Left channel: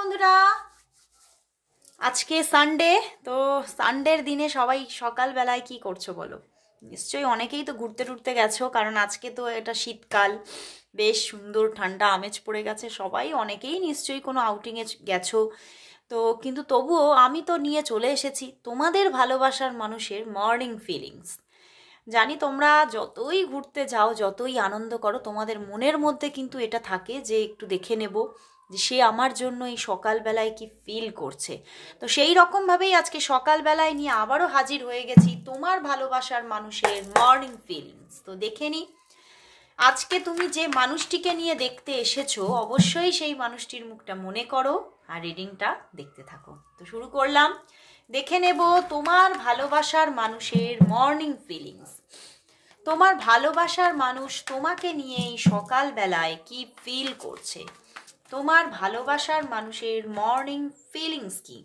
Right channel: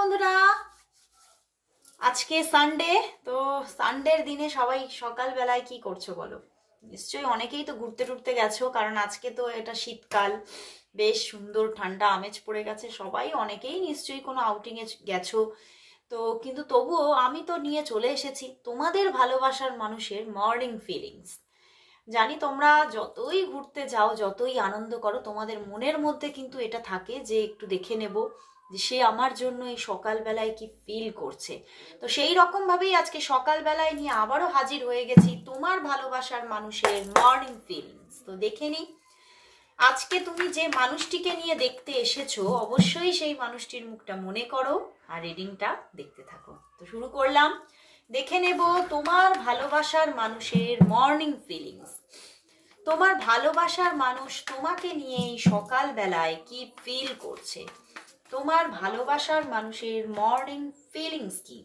বন্ধুরা, আজকে সানডে। তো সানডের দিনে সবাই সকালবেলায় কি করছো বলো? নিশ্চয়ই অনেকেই তো ঘুরতে টুরতে গেছো, কারণ আজকে তো এটা শীতকাল, বেশ সুন্দর ঠান্ডা আমেজ পড়ে গেছে। সবাই অনেকেই নিশ্চয়ই কোনো আউটিংয়ে গেছো। তো কিন্তু তবুও আমি তো নিয়ে চলে এসেছি তোমাদের ভালোবাসার মানুষের মর্নিং ফিলিংস। জানি তোমরা যতই ঘুরতে যাও, যতই আনন্দ করো, তোমাদের মনের মধ্যে কিন্তু এটা থাকে যে একটু দেখে নেব যে সে আমার জন্য এই সকালবেলায় কি ফিল করছে। তো সেই রকমভাবেই আজকে সকালবেলায় নিয়ে আবারও হাজির হয়ে গেছি তোমার ভালোবাসার মানুষের মর্নিং ফিলিংস। তো দেখে নি আজকে তুমি যে মানুষটিকে নিয়ে দেখতে এসেছো, অবশ্যই সেই মানুষটির মুখটা মনে করো আর রিডিংটা দেখতে থাকো। তো শুরু করলাম। দেখে নেব তোমার ভালোবাসার মানুষের মর্নিং ফিলিংস। তোমার ভালোবাসার মানুষ তোমাকে নিয়ে এই সকালবেলায় কি ফিল করছে, তোমার ভালোবাসার মানুষের মর্নিং ফিলিংস কি,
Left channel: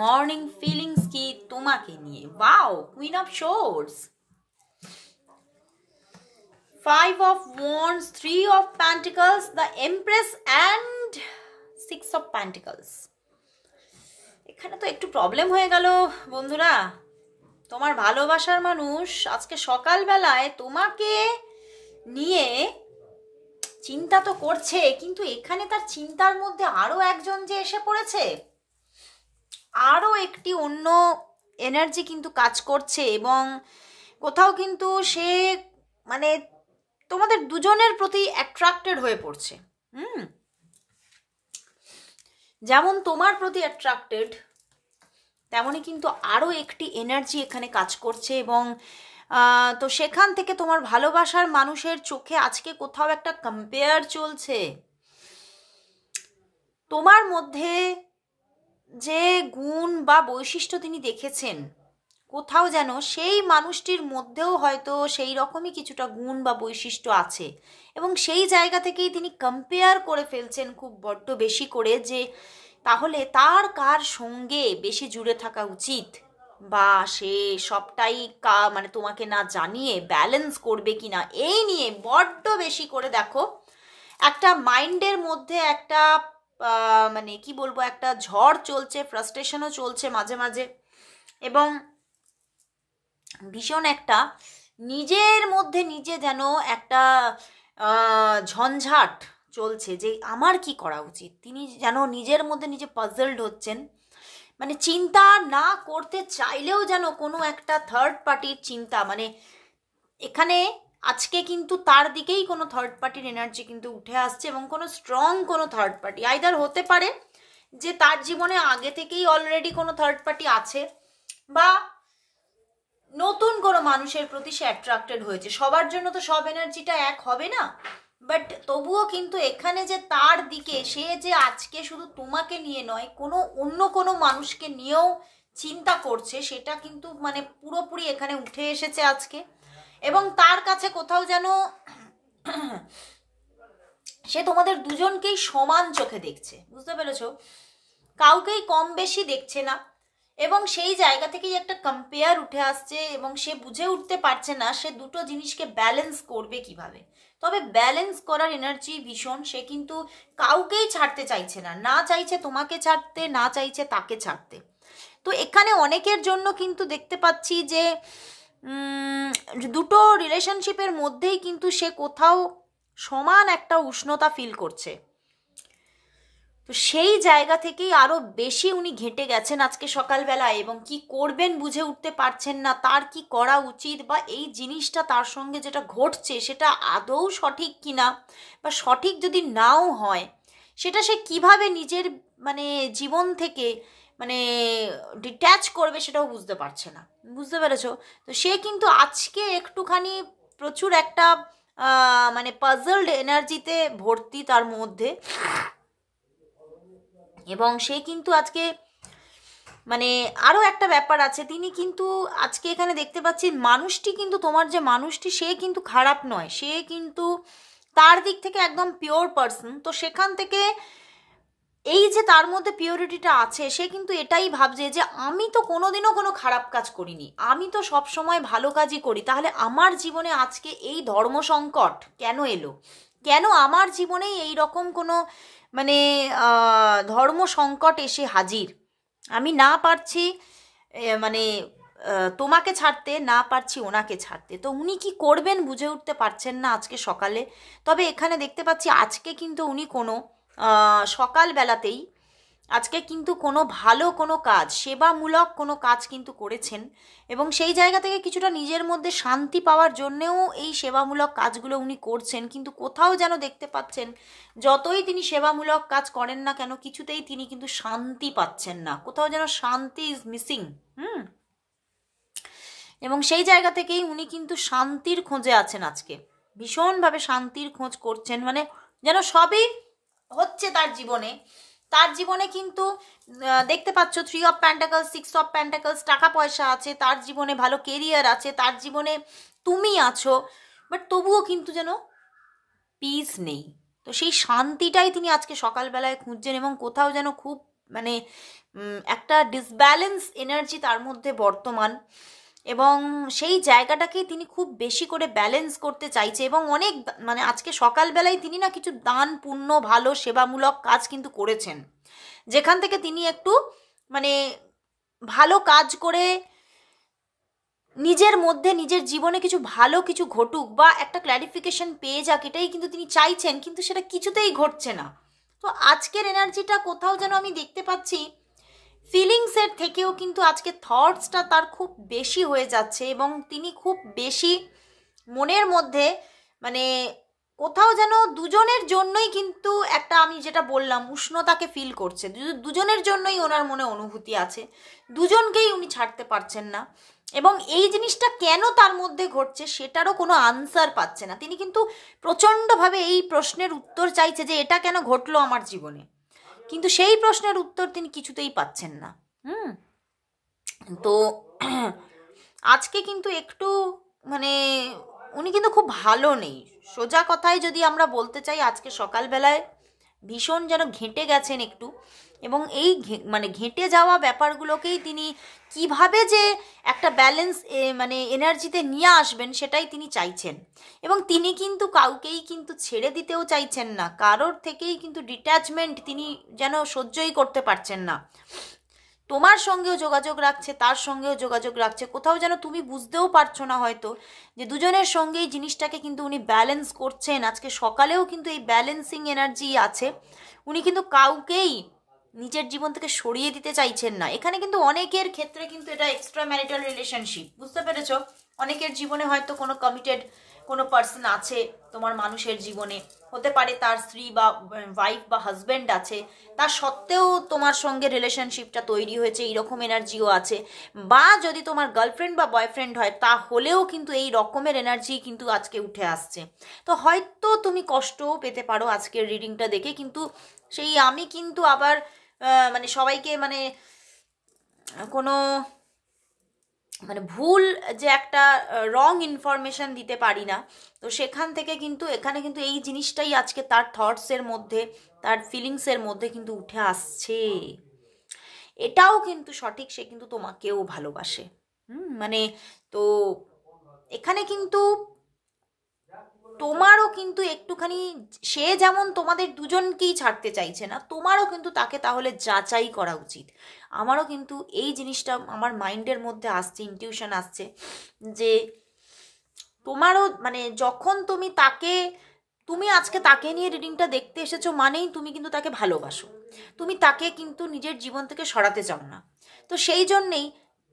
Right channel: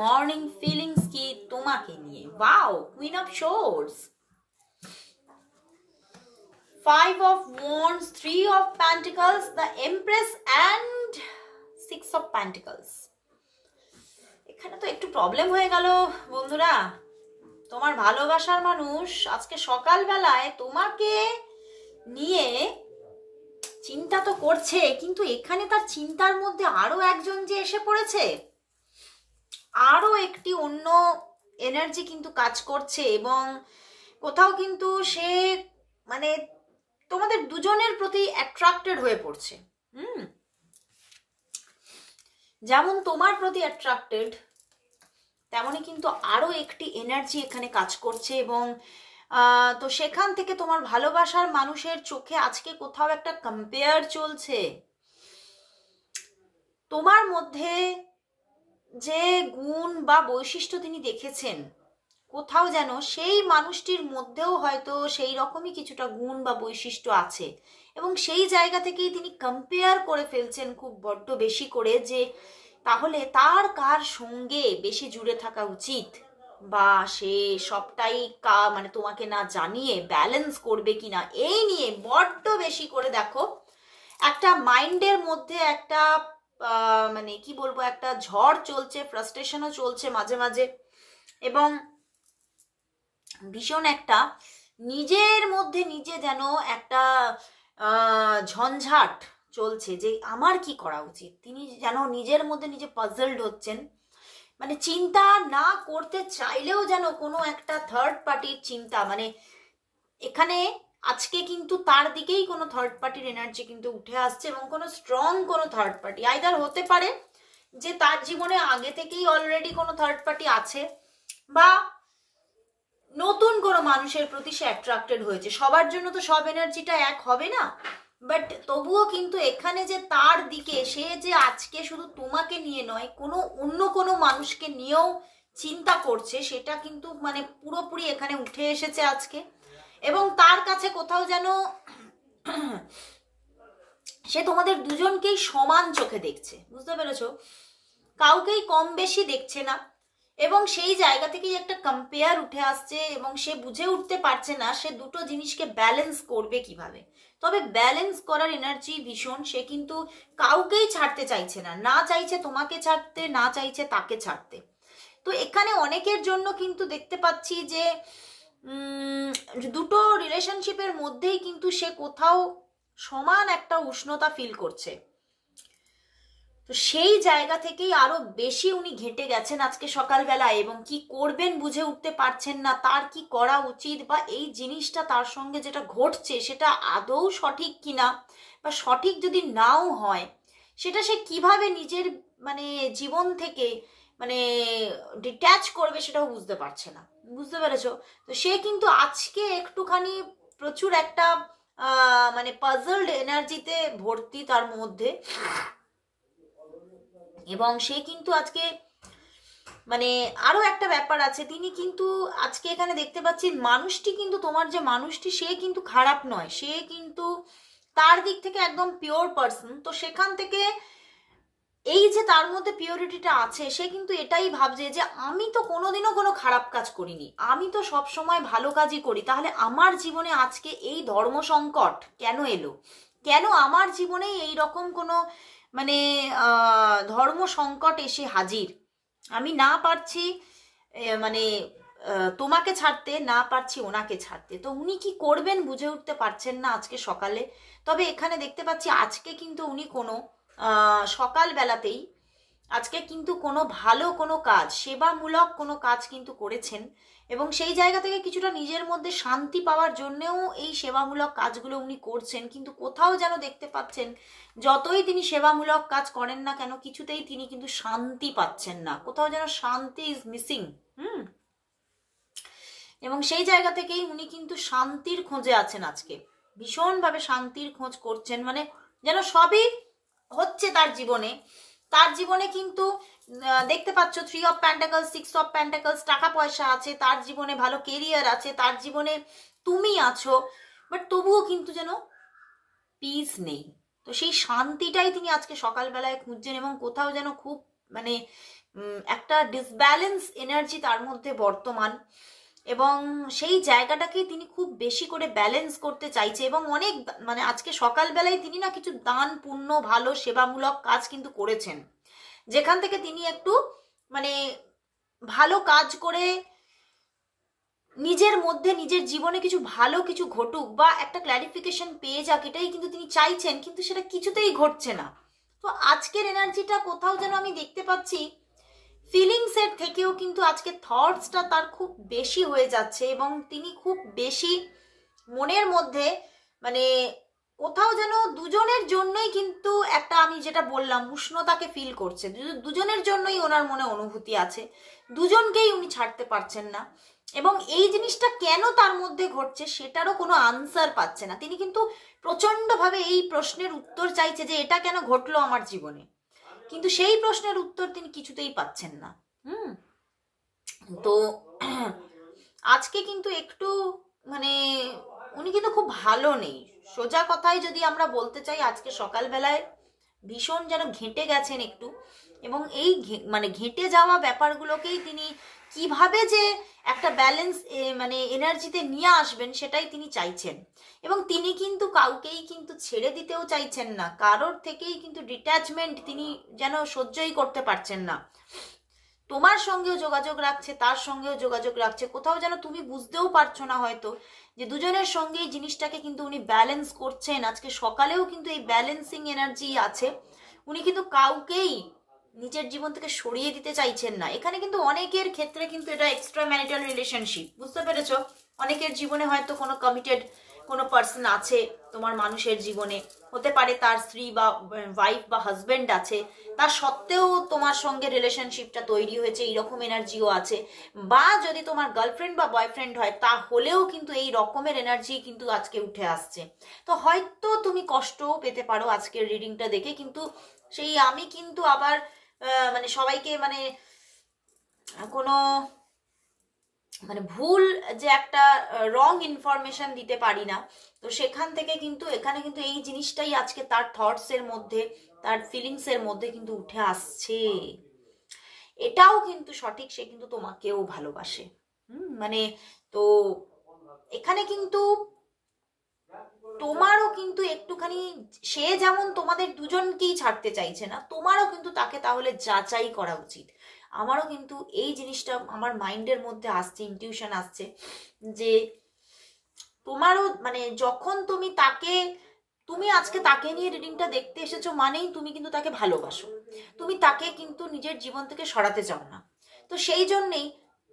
মর্নিং ফিলিংস কি তোমাকে নিয়ে। Wow, queen of swords, 5 of Wands, 3 of Pentacles, the Empress and 6 of Pentacles। এখানে তো একটু প্রবলেম হয়ে গেল বন্ধুরা। তোমার ভালোবাসার মানুষ আজকে সকালবেলায় তোমাকে নিয়ে চিন্তা তো করছে, কিন্তু এখানে তার চিন্তার মধ্যে আরো একজন যে এসে পড়েছে, আরো একটি অন্য এনার্জি কিন্তু কাজ করছে, এবং কোথাও কিন্তু সে মানে তোমাদের দুজনের প্রতি অ্যাট্রাক্টেড হয়ে পড়ছে। যেমন তোমার প্রতি অ্যাট্রাক্টেড, তেমনই কিন্তু আরো একটি এনার্জি এখানে কাজ করছে, এবং তো সেখান থেকে তোমার ভালোবাসার মানুষের চোখে আজকে কোথাও একটা কম্পেয়ার চলছে। তোমার মধ্যে যে গুণ বা বৈশিষ্ট্য তিনি দেখেছেন, কোথাও যেন সেই মানুষটির মধ্যেও হয়তো সেই রকমই কিছুটা গুণ বা বৈশিষ্ট্য আছে, এবং সেই জায়গা থেকেই তিনি কম্পেয়ার করে ফেলছেন খুব বড্ড বেশি করে, যে তাহলে তার কার সঙ্গে বেশি জুড়ে থাকা উচিত, বা সে সবটাই মানে তোমাকে না জানিয়ে ব্যালেন্স করবে কিনা, এই নিয়ে বড্ড বেশি করে দেখো একটা মাইন্ডের মধ্যে একটা মানে কি বলবো, একটা ঝড় চলছে, ফ্রাস্ট্রেশনও চলছে মাঝে মাঝে, এবং ভীষণ একটা নিজের মধ্যে নিজে যেন একটা ঝঞ্ঝাট চলছে যে আমার কি করা উচিত। তিনি যেন নিজের মধ্যে নিজে পাজলড হচ্ছেন, মানে চিন্তা না করতে চাইলেও যেন কোনো একটা থার্ড পার্টির চিন্তা, মানে এখানে আজকে কিন্তু তার দিকেই কোনো থার্ড পার্টির এনার্জি কিন্তু উঠে আসছে, এবং কোনো স্ট্রং কোনো থার্ড পার্টি আইদার হতে পারে যে তার জীবনে আগে থেকেই অলরেডি কোনো থার্ড পার্টি আছে, বা নতুন কোনো মানুষের প্রতি সে অ্যাট্রাক্টেড হয়েছে। সবার জন্য তো সব এনার্জিটা এক হবে না, বাট তবুও কিন্তু এখানে যে তার দিকে সে যে আজকে শুধু তোমাকে নিয়ে নয়, কোনো অন্য কোনো মানুষকে নিয়েও চিন্তা করছে, সেটা কিন্তু মানে পুরোপুরি এখানে উঠে এসেছে আজকে। এবং তার কাছে কোথাও যেন সে তোমাদের দুজনকেই সমান চোখে দেখছে, বুঝতে পেরেছো? কাউকেই কম বেশি দেখছে না, এবং সেই জায়গা থেকেই একটা কম্পেয়ার উঠে আসছে, এবং সে বুঝে উঠতে পারছে না সে দুটো জিনিসকে ব্যালেন্স করবে কিভাবে। তবে ব্যালেন্স করার এনার্জি ভীষণ, সে কিন্তু কাউকেই ছাড়তে চাইছে না, না চাইছে তোমাকে ছাড়তে, না চাইছে তাকে ছাড়তে। তো এখানে অনেকের জন্য কিন্তু দেখতে পাচ্ছি যে দুটো রিলেশনশিপের মধ্যেই কিন্তু সে কোথাও সমান একটা উষ্ণতা ফিল করছে। তো সেই জায়গা থেকেই আরো বেশি উনি ঘেঁটে গেছেন আজকে সকালবেলা, এবং কি করবেন বুঝে উঠতে পারছেন না, তার কি করা উচিত, বা এই জিনিসটা তার সঙ্গে যেটা ঘটছে সেটা আদৌ সঠিক কিনা, বা সঠিক যদি নাও হয় সেটা সে কিভাবে নিজের মানে জীবন থেকে মানে ডিট্যাচ করবে সেটাও বুঝতে পারছে না, বুঝতে পেরেছো? তো সে কিন্তু আজকে একটুখানি প্রচুর একটা মানে পাজলড এনার্জিতে ভর্তি তার মধ্যে, এবং সে কিন্তু আজকে মানে আরো একটা ব্যাপার আছে, তিনি কিন্তু আজকে এখানে দেখতে পাচ্ছি মানুষটি কিন্তু তোমার যে মানুষটি সে কিন্তু খারাপ নয়, সে কিন্তু তার দিক থেকে একদম পিওর পার্সন। তো সেখান থেকে এই যে তার মধ্যে পিওরিটিটা আছে, সে কিন্তু এটাই ভাবছে যে আমি তো কোনোদিনও কোনো খারাপ কাজ করিনি, আমি তো সব সময় ভালো কাজই করি, তাহলে আমার জীবনে আজকে এই ধর্ম সংকট কেন এলো, কেন আমার জীবনেই এই রকম কোনো মানে ধর্ম সংকট এসে হাজির, আমি না পারছি মানে তোমাকে ছাড়তে, না পারছি ওনাকে ছাড়তে, তো উনি কি করবেন বুঝে উঠতে পারছেন না আজকে সকালে। তবে এখানে দেখতে পাচ্ছি আজকে কিন্তু উনি কোনো সকালবেলাতেই আজকে কিন্তু কোনো ভালো কোনো কাজ, সেবামূলক কোনো কাজ কিন্তু করেছেন, এবং সেই জায়গা থেকে কিছুটা নিজের মধ্যে শান্তি পাওয়ার জন্যেও এই সেবামূলক কাজগুলো উনি করছেন। কিন্তু কোথাও যেন দেখতে পাচ্ছেন যতই তিনি সেবামূলক কাজ করেন না কেন কিছুতেই তিনি কিন্তু শান্তি পাচ্ছেন না, কোথাও যেন শান্তি ইজ মিসিং। এবং সেই জায়গা থেকেই উনি কিন্তু শান্তির খোঁজে আছেন আজকে, ভীষণভাবে শান্তির খোঁজ করছেন, মানে যেন সবই হচ্ছে তার জীবনে। তার জীবনে কিন্তু দেখতে পাচ্ছ 3 অফ প্যান্টাকলস, 6 অফ প্যান্টাকলস, টাকা পয়সা আছে, তার জীবনে ভালো কেরিয়ার আছে, তার জীবনে তুমি আছো, বাট তবুও কিন্তু যেন পিস নেই। তো সেই শান্তিটাই তিনি আজকে সকালবেলায় খুঁজছেন, এবং কোথাও যেন খুব মানে একটা ডিসব্যালেন্স এনার্জি তার মধ্যে বর্তমান, এবং সেই জায়গাটাকেই তিনি খুব বেশি করে ব্যালেন্স করতে চাইছে। এবং অনেক মানে আজকে সকালবেলায় তিনি না কিছু দান পুণ্য ভালো সেবামূলক কাজ কিন্তু করেছেন, যেখান থেকে তিনি একটু মানে ভালো কাজ করে নিজের মধ্যে নিজের জীবনে কিছু ভালো কিছু ঘটুক বা একটা ক্ল্যারিফিকেশন পেয়ে যাক, এটাই কিন্তু তিনি চাইছেন, কিন্তু সেটা কিছুতেই ঘটছে না। তো আজকের এনার্জিটা কোথাও যেন আমি দেখতে পাচ্ছি ফিলিংসের থেকেও কিন্তু আজকে থটসটা তার খুব বেশি হয়ে যাচ্ছে, এবং তিনি খুব বেশি মনের মধ্যে মানে কোথাও যেন দুজনের জন্যই কিন্তু একটা, আমি যেটা বললাম, উষ্ণতাকে ফিল করছে, দুজনের জন্যই ওনার মনে অনুভূতি আছে, দুজনকেই উনি ছাড়তে পারছেন না। এবং এই জিনিসটা কেন তার মধ্যে ঘটছে সেটারও কোনো আনসার পাচ্ছে না। তিনি কিন্তু প্রচণ্ডভাবে এই প্রশ্নের উত্তর চাইছে যে এটা কেন ঘটলো আমার জীবনে, কিন্তু সেই প্রশ্নের উত্তর তিনি কিছুতেই পাচ্ছেন না। তো আজকে কিন্তু একটু মানে উনি কিন্তু খুব ভালো নেই, সোজা কথায় যদি আমরা বলতে চাই, আজকে সকালবেলায় ভীষণ যেন ঘেঁটে গেছেন একটু, এবং এই মানে ঘেঁটে যাওয়া ব্যাপারগুলোকেই তিনি কিভাবে যে একটা ব্যালেন্স মানে এনার্জিতে নিয়ে আসবেন সেটাই তিনি চাইছেন। এবং তিনি কিন্তু কাউকেই কিন্তু ছেড়ে দিতেও চাইছেন না, কারোর থেকেই কিন্তু ডিট্যাচমেন্ট তিনি যেন সহ্যই করতে পারছেন না। তোমার সঙ্গেও যোগাযোগ রাখছে, তার সঙ্গেও যোগাযোগ রাখছে, কোথাও যেন তুমি বুঝতেও পারছো না হয়তো যে দুজনের সঙ্গেই জিনিসটাকে কিন্তু উনি ব্যালেন্স করছেন। আজকে সকালেও কিন্তু এই ব্যালেন্সিং এনার্জি আছে, উনি কিন্তু কাউকেই নিজের জীবন থেকে সরিয়ে দিতে চাইছেন না। এখানে কিন্তু অনেকের ক্ষেত্রে কিন্তু এটা এক্সট্রা ম্যারিটাল রিলেশনশিপ, বুঝতে পেরেছো? অনেকের জীবনে হয়তো কোনো কমিটেড কোনো পার্সন আছে তোমার মানুষের জীবনে, হতে পারে তার স্ত্রী বা ওয়াইফ বা হাজব্যান্ড আছে, তা সত্ত্বেও তোমার সঙ্গে রিলেশনশিপটা তৈরি হয়েছে, এইরকম এনার্জিও আছে। বা যদি তোমার গার্লফ্রেন্ড বা বয়ফ্রেন্ড হয় তাহলেও কিন্তু এই রকমের এনার্জি কিন্তু আজকে উঠে আসছে। তো হয়তো তুমি কষ্টও পেতে পারো আজকের রিডিংটা দেখে, কিন্তু সেই আমি কিন্তু আবার মানে সবাইকে মানে কোনো মানে ভুল যে একটা রং ইনফরমেশন দিতে পারি না। তো সেখান থেকে কিন্তু এখানে কিন্তু এই জিনিসটাই আজকে তার থটসের মধ্যে, তার ফিলিংসের মধ্যে কিন্তু উঠে আসছে। এটাও কিন্তু সঠিক, সে কিন্তু তোমাকেও ভালোবাসে। মানে তো এখানে কিন্তু তোমারও কিন্তু একটুখানি, সে যেমন তোমাদের দুজনকেই ছাড়তে চাইছে না, তোমারও কিন্তু তাকে তাহলে যাচাই করা উচিত। আমারও কিন্তু এই জিনিসটা আমার মাইন্ডের মধ্যে আসছে, ইনটিউশন আসছে যে তোমারও মানে যখন তুমি আজকে তাকে নিয়ে রিডিংটা দেখতে এসেছো মানেই তুমি কিন্তু তাকে ভালোবাসো, তুমি তাকে কিন্তু নিজের জীবন থেকে সরাতে চাও না। তো সেই জন্যেই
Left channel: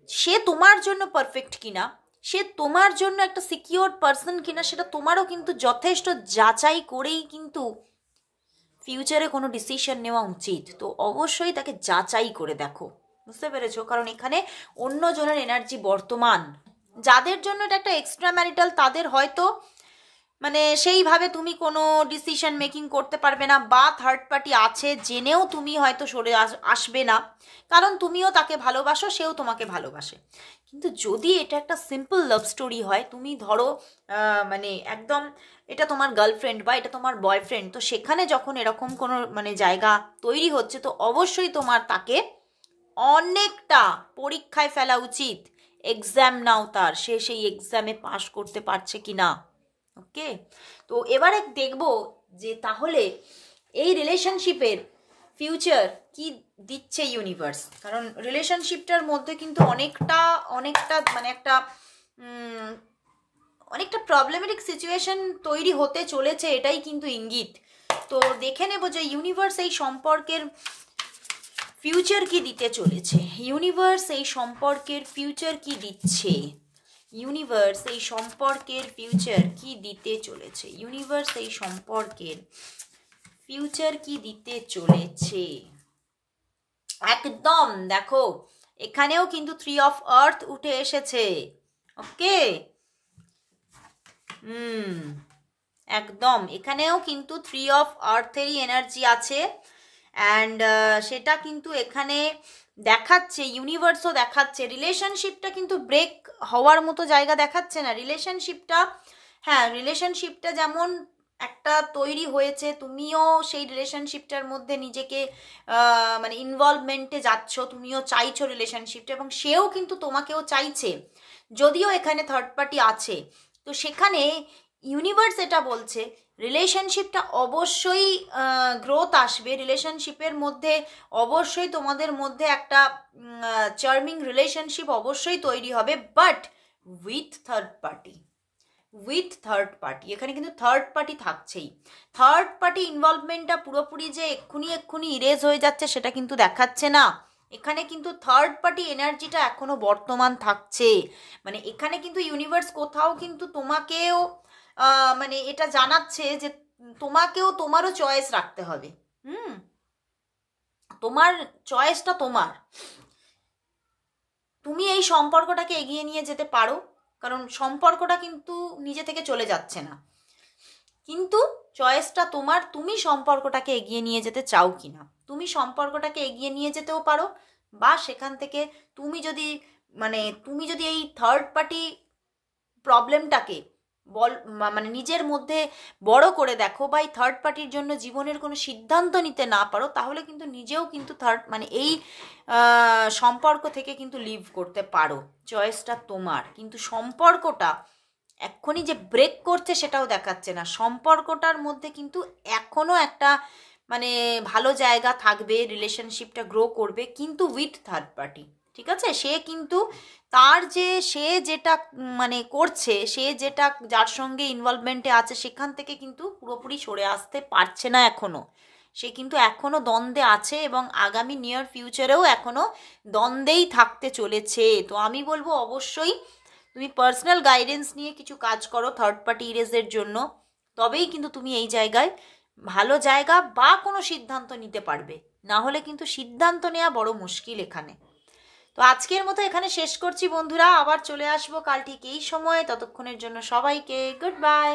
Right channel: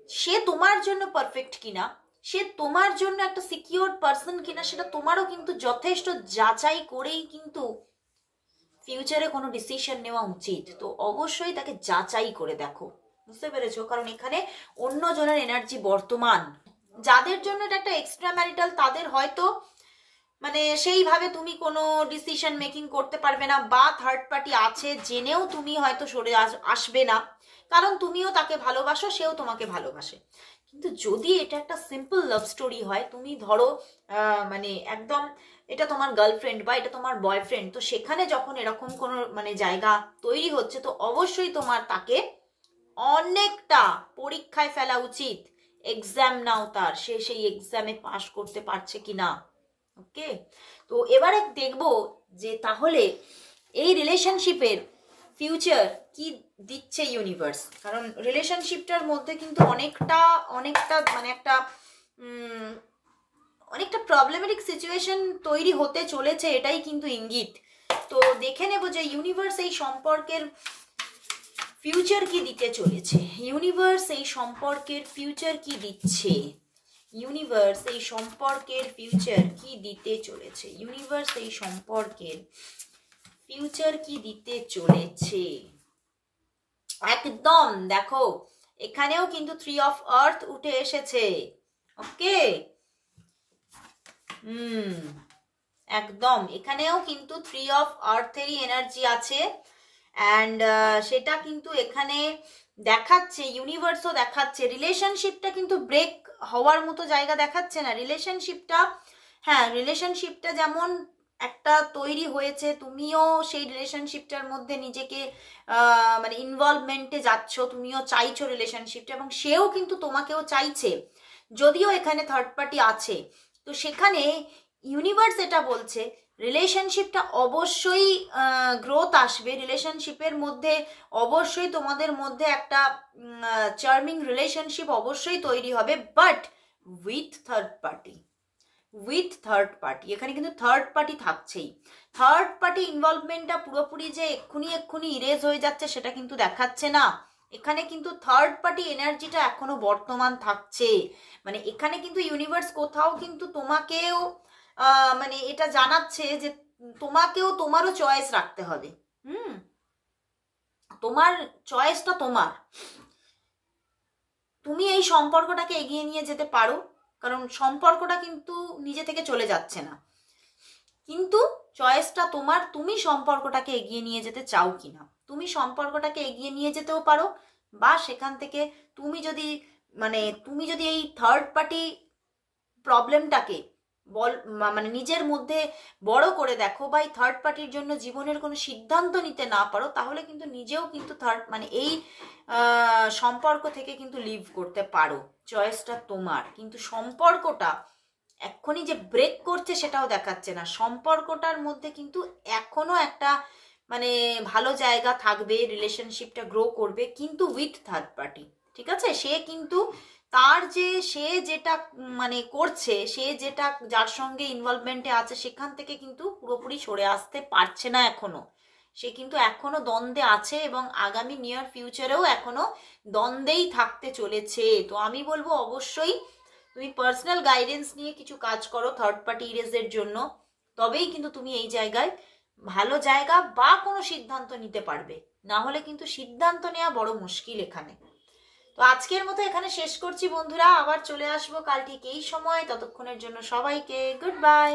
সে তোমার জন্য পারফেক্ট কিনা, সে তোমার জন্য একটা সিকিউর পার্সন কিনা, সেটা তোমারও কিন্তু যথেষ্ট যাচাই করেই কিন্তু ফিউচারে কোনো ডিসিশন নেওয়া উচিত। তো অবশ্যই তাকে যাচাই করে দেখো, বুঝতে পেরেছো? কারণ এখানে অন্যজনের এনার্জি বর্তমান, যাদের জন্য এটা একটা এক্সট্রা ম্যারিটাল, তাদের হয়তো মানে সেইভাবে তুমি কোনো ডিসিশন মেকিং করতে পারবে না, বা থার্ড পার্টি আছে জেনেও তুমি হয়তো সরে আসবে না, কারণ তুমিও তাকে ভালোবাসো, সেও তোমাকে ভালোবাসে। কিন্তু যদি এটা একটা সিম্পল লাভ স্টোরি হয়, তুমি ধরো মানে একদম এটা তোমার গার্লফ্রেন্ড বা এটা তোমার বয়ফ্রেন্ড, তো সেখানে যখন এরকম কোনো মানে জায়গা তৈরি হচ্ছে, তো অবশ্যই তোমার তাকে অনেকটা পরীক্ষায় ফেলা উচিত। এক্সাম নাও তার, সে সেই এক্সামে পাশ করতে পারছে কি না। ওকে, তো এবারে দেখব যে তাহলে এই রিলেশনশিপের ফিউচার কি দিচ্ছে ইউনিভার্স, কারণ রিলেশনশিপটার মধ্যে কিন্তু অনেকটা মানে একটা অনেকটা প্রবলেমেটিক সিচুয়েশন তৈরি হতে চলেছে, এটাই কিন্তু ইঙ্গিত। তো দেখে নেব যে ইউনিভার্স এই সম্পর্কের ফিউচার কি দিতে চলেছে, ইউনিভার্স এই সম্পর্কের ফিউচার কি দিচ্ছে, ইউনিভার্স এই সম্পর্কের ফিউচার কি দিতে চলেছে, ইউনিভার্স এই সম্পর্কের ফিউচার কি দিতে চলেছে। একদম দেখো এখানেও কিন্তু 3 অফ আর্থ উঠে এসেছে। ওকে, একদম এখানেও কিন্তু 3 অফ আর্থেরই এনার্জি আছে। অ্যান্ড সেটা কিন্তু এখানে দেখাচ্ছে, ইউনিভার্সও দেখাচ্ছে রিলেশনশিপটা কিন্তু ব্রেক হওয়ার মতো জায়গা দেখাচ্ছে না। রিলেশনশিপটা, হ্যাঁ রিলেশনশিপটা যেমন একটা তৈরি হয়েছে, তুমিও সেই রিলেশনশিপটার মধ্যে নিজেকে মানে ইনভলভমেন্টে যাচ্ছ, তুমিও চাইছো রিলেশনশিপটা, এবং সেও কিন্তু তোমাকেও চাইছে, যদিও এখানে থার্ড পার্টি আছে। তো সেখানে ইউনিভার্স এটা বলছে রিলেশনশিপটা অবশ্যই গ্রোথ আসবে, রিলেশনশিপের মধ্যে অবশ্যই তোমাদের মধ্যে একটা চার্মিং রিলেশনশিপ অবশ্যই তৈরি হবে, but with third party, with third party. এখানে কিন্তু থার্ড পার্টি থাকছেই। থার্ড পার্টি ইনভলভমেন্টটা পুরোপুরি যে এক্ষুনি ইরেজ হয়ে যাচ্ছে সেটা কিন্তু দেখাচ্ছে না। এখানে কিন্তু থার্ড পার্টি এনার্জিটা এখনো বর্তমান থাকছে। মানে এখানে কিন্তু ইউনিভার্স কোথাও কিন্তু তোমাকেও মানে এটা জানাচ্ছে যে তোমাকেও তোমারও চয়েস রাখতে হবে। তোমার চয়েসটা তোমার, তুমি এই সম্পর্কটাকে এগিয়ে নিয়ে যেতে পারো, কারণ সম্পর্কটা কিন্তু নিজে থেকে চলে যাচ্ছে না, কিন্তু চয়েসটা তোমার, তুমি সম্পর্কটাকে এগিয়ে নিয়ে যেতে চাও কিনা। তুমি সম্পর্কটাকে এগিয়ে নিয়ে যেতেও পারো, বা সেখান থেকে তুমি যদি এই থার্ড পার্টি প্রবলেমটাকে মানে নিজের মধ্যে বড় করে দেখো, বা এই থার্ড পার্টির জন্য জীবনের কোনো সিদ্ধান্ত নিতে না পারো, তাহলে কিন্তু নিজেও কিন্তু এই সম্পর্ক থেকে কিন্তু লিভ করতে পারো। চয়েসটা তোমার, কিন্তু সম্পর্কটা এক্ষুনি যে ব্রেক করছে সেটাও দেখাচ্ছে না। সম্পর্কটার মধ্যে কিন্তু এখনো একটা মানে ভালো জায়গা থাকবে, রিলেশনশিপটা গ্রো করবে, কিন্তু উইথ থার্ড পার্টি। ঠিক আছে, সে কিন্তু তার যে সে যেটা মানে করছে, সে যেটা যার সঙ্গে ইনভলভমেন্টে আছে সেখান থেকে কিন্তু পুরোপুরি সরে আসতে পারছে না এখনো। সে কিন্তু এখনো দ্বন্দ্বে আছে, এবং আগামী নিয়ার ফিউচারেও এখনো দ্বন্দ্বেই থাকতে চলেছে। তো আমি বলবো অবশ্যই তুমি পার্সোনাল গাইডেন্স নিয়ে কিছু কাজ করো থার্ড পার্টি ইরেজের জন্য, তবেই কিন্তু তুমি এই জায়গায় ভালো জায়গা বা কোনো সিদ্ধান্ত নিতে পারবে, না হলে কিন্তু সিদ্ধান্ত নেওয়া বড় মুশকিল এখানে। তো আজকের মতো এখানে শেষ করছি বন্ধুরা, আবার চলে আসবো কাল ঠিক এই সময়। ততক্ষণের জন্য সবাইকে গুড বাই।